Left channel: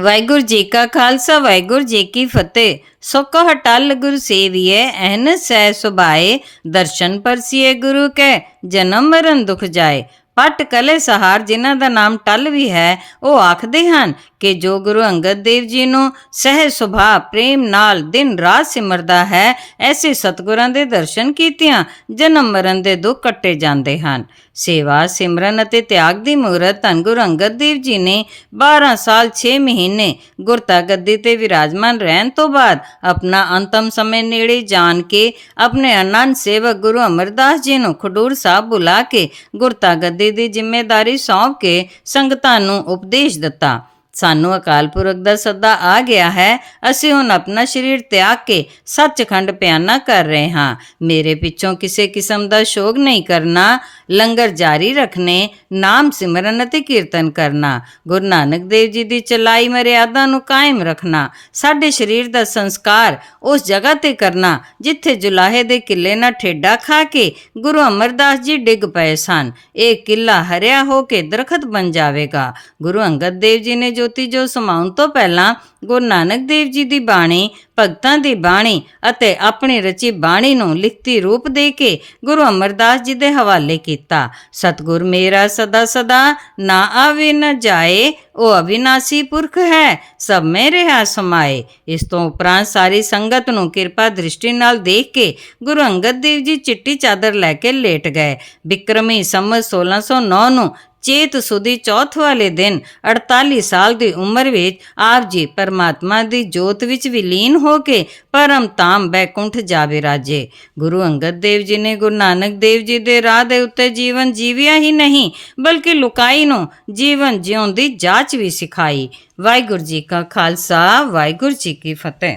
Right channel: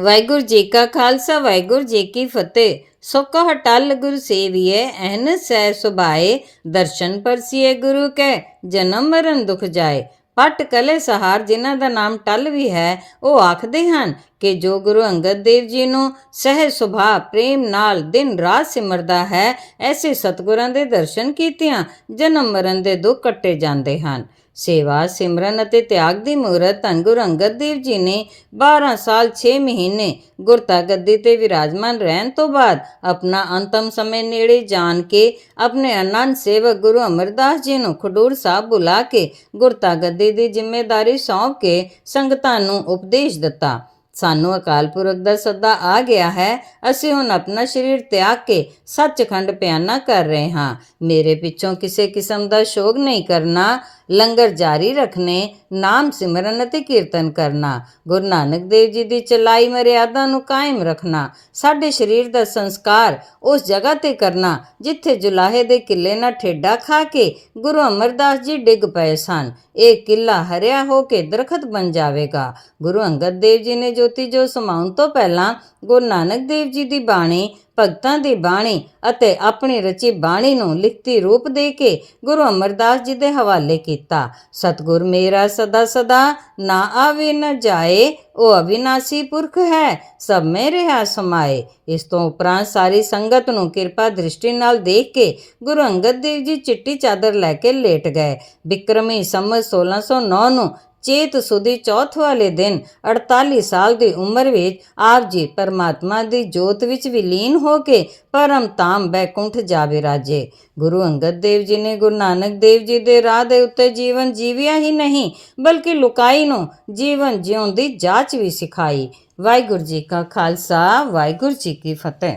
ਵਾਹਿਗੁਰੂ ਜੀ ਕਾ ਖਾਲਸਾ, ਵਾਹਿਗੁਰੂ ਜੀ ਕੀ ਫਤਿਹ। ਸੋ ਕਹ ਟਲ ਗੁਰ ਸੇਵੀਏ ਅਹਨ ਸਹਿ ਸੁਭਾਏ। ਦਰਸ਼ਨ ਪਰਸੀਏ ਗੁਰੂ ਕੈ, ਜਨਮ ਮਰਨ ਦੁਖ ਜਾਏ। ਪਟ ਕਲੇ ਸਹਾਰ ਜਿਨ੍ਹਾਂ ਦਾ ਨਾਮ ਟਲ ਵੀ ਹੈ, ਉਹ ਆਖਦੇ ਹਨ ਕਿ ਜੋ ਗੁਰੂ ਅੰਗਦ ਦੇਵ ਜੀ ਨੂੰ ਸਹਿ ਸੁਭਾਅ, ਪ੍ਰੇਮ ਨਾਲ ਦਿਨ ਰਾਤ ਸਿਮਰਦਾ ਹੈ, ਐਸੇ ਸਤਿਗੁਰਾਂ ਦੇ ਦਰਸ਼ਨ ਕੀਤਿਆਂ ਜਨਮ ਮਰਨ ਦੇ ਦੁੱਖ ਕੱਟੇ ਜਾਂਦੇ ਹਨ। ਸੇਵਾ, ਸਿਮਰਨ ਅਤੇ ਤਿਆਗ ਦੀ ਮੂਰਤ ਧੰਨ ਗੁਰੂ ਅੰਗਦ ਦੇਵ ਜੀ ਨੇ 12 ਸਾਲ 6 ਮਹੀਨੇ ਗੁਰਤਾ ਗੱਦੀ ਤੇ ਵਿਰਾਜਮਾਨ ਰਹਿਣ ਤੋਂ ਬਾਅਦ ਆਪਣਾ ਅੰਤਮ ਸਮੇਂ ਨੇੜੇ ਜਾਣ ਕੇ ਆਪਣੇ ਅਨੰਦ ਸੇਵਕ ਗੁਰੂ ਅਮਰਦਾਸ ਜੀ ਨੂੰ ਖਡੂਰ ਸਾਹਿਬ ਬੁਲਾ ਕੇ ਗੁਰਤਾ ਗੱਦੀ ਦੀ ਜ਼ਿੰਮੇਵਾਰੀ ਸੌਂਪ ਕੇ ਸੰਗਤਾਂ ਨੂੰ ਉਪਦੇਸ਼ ਦਿੱਤਾ। ਸਾਨੂੰ ਅਕਾਲ ਪੁਰਖ ਦਾ ਸੱਦਾ ਆ ਗਿਆ ਹੈ। ਅਸੀਂ ਹੁਣ ਆਪਣਾ ਸਰੀਰ ਤਿਆਗ ਕੇ ਸੱਚਖੰਡ ਪਿਆਨਾ ਕਰ ਰਹੇ ਹਾਂ। ਮੇਰੇ ਪਿੱਛੋਂ ਕਿਸੇ ਕਿਸਮ ਦਾ ਸ਼ੋਗ ਨਹੀਂ ਕਰਨਾ। ਲੰਗਰ ਜਾਰੀ ਰੱਖਣੇ, ਨਾਮ ਸਿਮਰਨ ਅਤੇ ਕੀਰਤਨ ਕਰਨਾ, ਗੁਰੂ ਨਾਨਕ ਦੇਵ ਜੀ ਦੀ ਚਲਾਈ ਮਰਿਆਦਾ ਨੂੰ ਕਾਇਮ ਰੱਖਣਾ, ਸਾਡੇ ਸਰੀਰ ਦਾ ਸੰਸਕਾਰ ਉਸ ਜਗ੍ਹਾ ਤੇ ਕਰਨਾ, ਜਿੱਥੇ ਜੁਲਾਹੇ ਦੇ ਕਿਲੇ ਨਾਲ ਠੇਡਾ ਖਾ ਕੇ ਗੁਰੂ ਅਮਰਦਾਸ ਜੀ ਡਿੱਗ ਪਏ ਸਨ। ਇਹ ਕਿਲਾ ਹਰਿਆ ਹੋ ਕੇ ਦਰਖਤ ਬਣ ਜਾਵੇਗਾ। ਗੁਰੂ ਅੰਗਦ ਦੇਵ ਜੀ ਨੇ ਜੋਤੀ ਜੋ ਸਮਾਉਣ ਤੋਂ ਪਹਿਲਾਂ ਗੁਰੂ ਨਾਨਕ ਦੇਵ ਜੀ ਦੀ ਬਾਣੀ, ਭਗਤਾਂ ਦੀ ਬਾਣੀ ਅਤੇ ਆਪਣੀ ਰਚੀ ਬਾਣੀ ਨੂੰ ਲਿਖਤੀ ਰੂਪ ਦੇ ਕੇ ਗੁਰੂ ਅਮਰਦਾਸ ਜੀ ਦੇ ਹਵਾਲੇ ਕੀਤਾ। ਸਤਿਗੁਰ ਮੇਰਾ ਸਦਾ ਸਦਾ ਨਾ ਆਵੇ, ਨਾ ਜਾਏ, ਉਹ ਅਵਿਨਾਸੀ ਪੁਰਖ ਹੈ, ਸਭ ਮੇ ਰਹਾ ਸਮਾਏ। ਇਸ ਤੋਂ ਉਪਰੰਤ ਸਾਰੀ ਸੰਗਤ ਨੂੰ ਕਿਰਪਾ ਦ੍ਰਿਸ਼ਟੀ ਨਾਲ ਦੇਖ ਕੇ ਗੁਰੂ ਅੰਗਦ ਦੇਵ ਜੀ ਚਿੱਟੀ ਚਾਦਰ ਲੈ ਕੇ ਲੇਟ ਗਏ। ਬਿਕਰਮੀ ਸੰਮਤ 1609 ਨੂੰ ਚੇਤ ਸੁਦੀ ਚੌਥ ਵਾਲੇ ਦਿਨ 48 ਸਾਲ ਦੀ ਉਮਰ ਵਿੱਚ ਆਪ ਜੀ ਪਰਮਾਤਮਾ ਦੀ ਜੋਤ ਵਿੱਚ ਵਿਲੀਨ ਹੋ ਕੇ ਪਰਮ ਤਾਮ ਬੈਕੁੰਠ ਜਾਵੇ ਰਾਜੇ। ਗੁਰੂ ਅੰਗਦ ਦੇਵ ਜੀ ਨੇ ਗੁਰੂ ਨਾਨਕ ਦੇਵ ਜੀ ਦੇ ਰਾਹ ਦੇ ਉੱਤੇ ਜੀਵਨ ਜੀਵਿਆ ਹੀ ਨਹੀਂ, ਬਲਕਿ ਲੁਕਾਈ ਨੂੰ ਜੀਵਨ ਜਿਉਣ ਦੀ ਜਾਚ ਵੀ ਸਿਖਾਈ। ਵਾਹਿਗੁਰੂ ਜੀ ਕਾ ਖਾਲਸਾ, ਵਾਹਿਗੁਰੂ ਜੀ ਕੀ ਫਤਿਹ।